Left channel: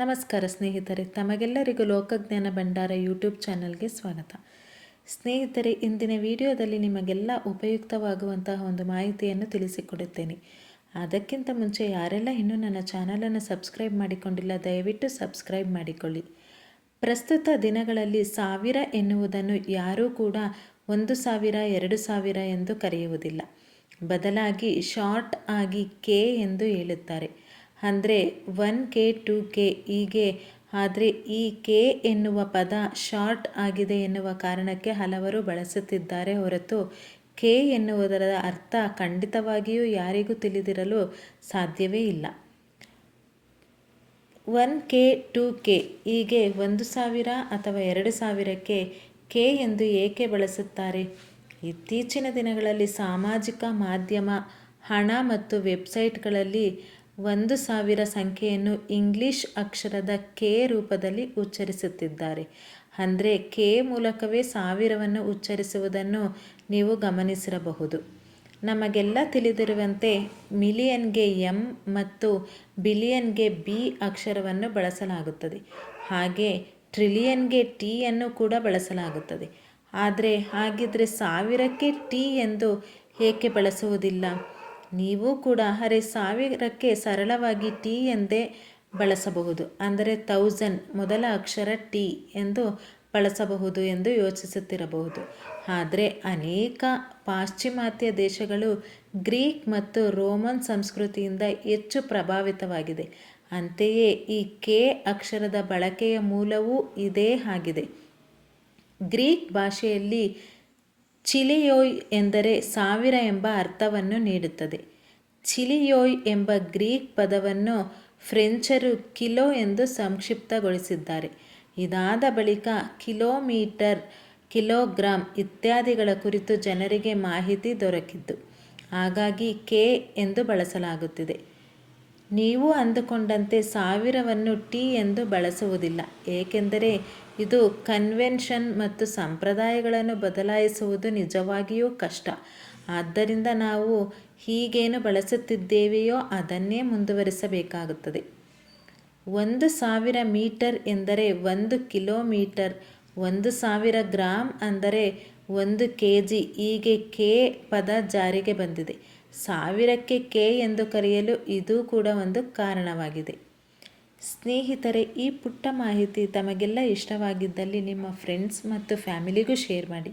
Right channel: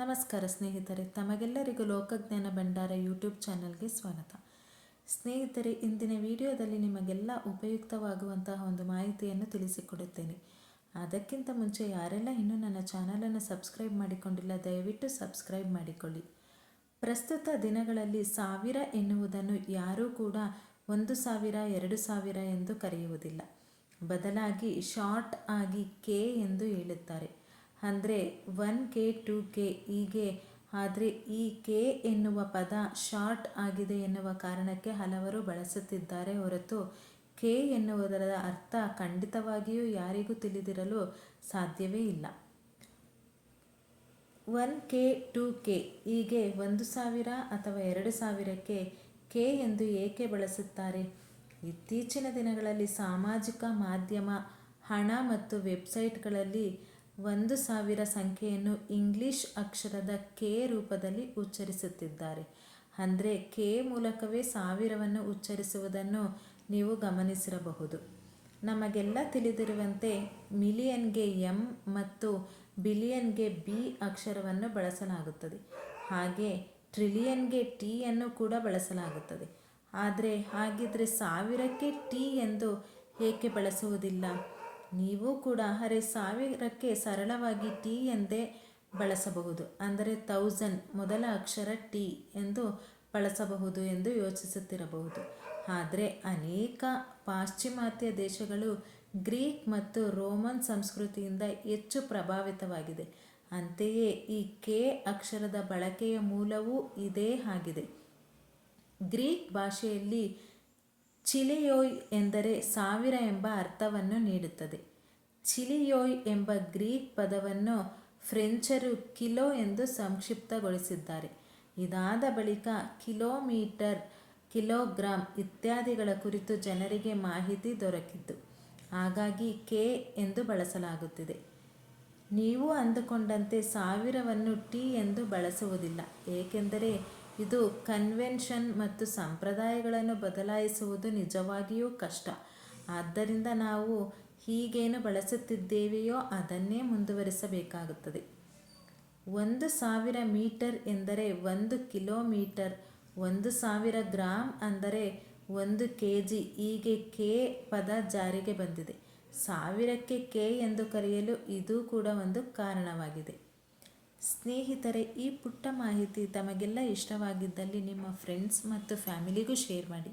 ನಮಸ್ಕಾರ ಸ್ನೇಹಿತರೆ, ತಮಗೆಲ್ಲರಿಗೂ ಲೋಕಜ್ಞಾನ ಭಂಡಾರ ಯೂಟ್ಯೂಬ್ ಚಾನಲ್ಗೆ ಸ್ವಾಗತ. ಸ್ನೇಹಿತರೆ, ಇಂದಿನ ವಿಡಿಯೋದಲ್ಲಿ ನಿಮಗೆಲ್ಲ ಉಪಯುಕ್ತವಾಗುವಂತಹ ಒಂದು ಮಾಹಿತಿಯನ್ನು ತಿಳಿಸಿಕೊಡುತ್ತೇನೆ. ಅದಕ್ಕಿಂತ ಮುಂಚೆ ಯಾರೆಲ್ಲ ಇನ್ನೂ ನನ್ನ ಚಾನಲನ್ನು ಸಬ್ಸ್ಕ್ರೈಬ್ ಮಾಡಿಕೊಂಡಿಲ್ಲ, ದಯವಿಟ್ಟು ಸಬ್ಸ್ಕ್ರೈಬ್ ಮಾಡಿಕೊಳ್ಳಿ. ಪ್ರಸ್ತುತ ದಿನಗಳಲ್ಲಿ ಸಾವಿರ ಎನ್ನುವುದನ್ನು ಯಾರೂ ಕೂಡ ಒಂದು ಸಾವಿರ, ಎರಡು ಸಾವಿರ ಎಂದು ಕರೆಯುವುದಿಲ್ಲ. ಬದಲಾಗಿ, ಶಾರ್ಟ್ ಆಗಿ ಕೆ ಎಂದು ಹೇಳುತ್ತಾರೆ. ಅಂದರೆ ಒನ್ ಕೆ, ಟು ಕೆ, ಹೀಗೆ. ಆದರೆ ಈ ಕೆ ಎನ್ನುವ ಪದ ಶಾರ್ಟ್ ಆಗಿದೆ ಎನ್ನುವ ಕಾರಣಕ್ಕೆ ಹಲವರು ಬಳಸುತ್ತಿದ್ದಾರೆ ಹೊರತು ಕೆ ಎನ್ನುವುದರ ಅರ್ಥ ಖಂಡಿತವಾಗಿಯೂ ಯಾರಿಗೂ ತಿಳಿದಿರಲು ಸಾಧ್ಯವೇ ಇಲ್ಲ. ಒನ್ ಕೆ, ಟು ಕೆ, ಹೀಗೆ ಒಂದು ಸಾವಿರ ಅಥವಾ ಎರಡು ಸಾವಿರಕ್ಕೆ ಕೆ ಎಂದು ಏಕೆ ಬಳಸುತ್ತಾರೆ? ಇತ್ತೀಚಿನ ದಿನಗಳಲ್ಲಿ ಸಾಮಾಜಿಕ ಮಾಧ್ಯಮ, ಹಣ ಮತ್ತು ವೆಬ್ಸೈಟ್ಗಳಲ್ಲಿ ಒಂದು ಸಾವಿರ ಸಂಖ್ಯೆಯನ್ನು ಇಂಗ್ಲಿಷ್ ಅಕ್ಷರದ ಕೆ ರೂಪದಲ್ಲಿ ಉಚ್ಚರಿಸುತ್ತಿದ್ದಾರೆ. ಅಂದರೆ ಕೆ ಮೂಲಕವೇ ಸಾವಿರವನ್ನು ಉಚ್ಚರಿಸುವುದನ್ನು ನೀವು ಗಮನಿಸಿರಬಹುದು. ನಮಗೆಲ್ಲ ತಿಳಿದಿರುವಂತೆ ಮಿಲಿಯನ್ಗೆ ಎಂ ಮತ್ತು ಬಿಲಿಯನ್ಗೆ ಬಿ ಅಕ್ಷರವನ್ನು ಬಳಸಲಾಗುತ್ತದೆ. ಹಾಗೆ ಟ್ರಿಲಿಯನ್ಗೆ ಟಿಯನ್ನು ಕೂಡ ಬಳಸಲಾಗುತ್ತದೆ. ಆದರೆ ಹಾಗಿದ್ರೆ ಸಾವಿರಕ್ಕೆ ಟಿ ಎಂದು ಏಕೆ ಬಳಸುವುದಿಲ್ಲ? ನೀವು ಕೂಡ ಅರೆ ಸಾವಿರಕ್ಕೆ ಸರಳವಾಗಿ ಟಿ ಎಂದೇ ಬಳಸಬಹುದು. ಅಂದರೆ ತೌಸಂಡ್ ಮೊದಲ ಅಕ್ಷರ ಟಿ ಎಂದು ಬಳಸಬಹುದು ಎಂದು ಯೋಚಿಸುತ್ತಿರಬಹುದು. ಆದರೆ ಅನೇಕ ಪಾಶ್ಚಿಮಾತ್ಯ ದೇಶಗಳು ಗ್ರೀಕ್ ಮತ್ತು ರೋಮನ್ ಸಂಸ್ಕೃತಿಯಿಂದ ಹೆಚ್ಚು ಪ್ರಭಾವಿತವಾಗಿದೆ. ಅಂತೆಯೇ ಈ ಕೆ ಅಕ್ಷರದ ಬಳಕೆಯ ಮೂಲವೂ ಇದೇ ಆಗಿದೆ. ಗ್ರೀಕ್ ಭಾಷೆಯಲ್ಲಿ ಚಿಲಿಯೋಯ್ ಎಂದರೆ ಸಾವಿರ ಎಂಬ ಅರ್ಥವನ್ನು ನೀಡುತ್ತದೆ. ಚಿಲಿಯೋಯ್ ಎಂಬ ಗ್ರೀಕ್ ಪದವನ್ನು ಫ್ರೆಂಚರು ಕಿಲೋ ಎಂದು ಸಂಕ್ಷಿಪ್ತಗೊಳಿಸಿದ್ದಾರೆ. ಇದಾದ ಬಳಿಕ ಕಿಲೋಮೀಟರ್, ಕಿಲೋಗ್ರಾಂ ಇತ್ಯಾದಿಗಳ ಕುರಿತು ಜನರಿಗೆ ಮಾಹಿತಿ ದೊರಕಿದ್ದು. ಹಾಗಾಗಿ ಕೆ ಎಂದು ಬಳಸಲಾಗುತ್ತಿದೆ. ನೀವು ಅಂದುಕೊಂಡಂತೆ ಸಾವಿರವನ್ನು ಟಿ ಎಂದು ಬಳಸುವುದಿಲ್ಲ. ಏಕೆಂದರೆ ಇದು ಕನ್ವೆನ್ಷನ್ ಮತ್ತು ಸಂಪ್ರದಾಯಗಳನ್ನು ಬದಲಾಯಿಸುವುದು ನಿಜವಾಗಿಯೂ ಕಷ್ಟ. ಆದ್ದರಿಂದ ನಾವು ಹೀಗೇನು ಬಳಸುತ್ತಿದ್ದೇವೆಯೋ ಅದನ್ನೇ ಮುಂದುವರಿಸಬೇಕಾಗುತ್ತದೆ. ಒಂದು ಸಾವಿರ ಮೀಟರ್ ಎಂದರೆ ಒಂದು ಕಿಲೋಮೀಟರ್, ಒಂದು ಸಾವಿರ ಗ್ರಾಮ್ ಅಂದರೆ ಒಂದು ಕೆ ಜಿ ಹೀಗೆ ಕೆ ಪದ ಜಾರಿಗೆ ಬಂದಿದೆ. ಸಾವಿರಕ್ಕೆ ಕೆ ಎಂದು ಕರೆಯಲು ಇದು ಕೂಡ ಒಂದು ಕಾರಣವಾಗಿದೆ. ಸ್ನೇಹಿತರೆ, ಈ ಪುಟ್ಟ ಮಾಹಿತಿ ತಮಗೆಲ್ಲ ಇಷ್ಟವಾಗಿದ್ದಲ್ಲಿ ನಿಮ್ಮ ಫ್ರೆಂಡ್ಸ್ ಮತ್ತು ಫ್ಯಾಮಿಲಿಗೂ ಶೇರ್ ಮಾಡಿ.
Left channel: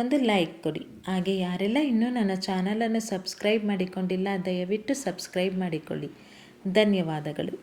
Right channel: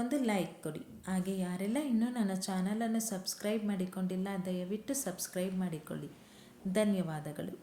ಒಂದು ಲೈಕ್ ಕೊಡಿ. ಹಾಗೆ ಯಾರೆಲ್ಲ ಇನ್ನೂ ನನ್ನ ಚಾನಲನ್ನು ಸಬ್ಸ್ಕ್ರೈಬ್ ಮಾಡಿಕೊಂಡಿಲ್ಲ, ದಯವಿಟ್ಟು ಸಬ್ಸ್ಕ್ರೈಬ್ ಮಾಡಿಕೊಳ್ಳಿ. ಧನ್ಯವಾದಗಳು.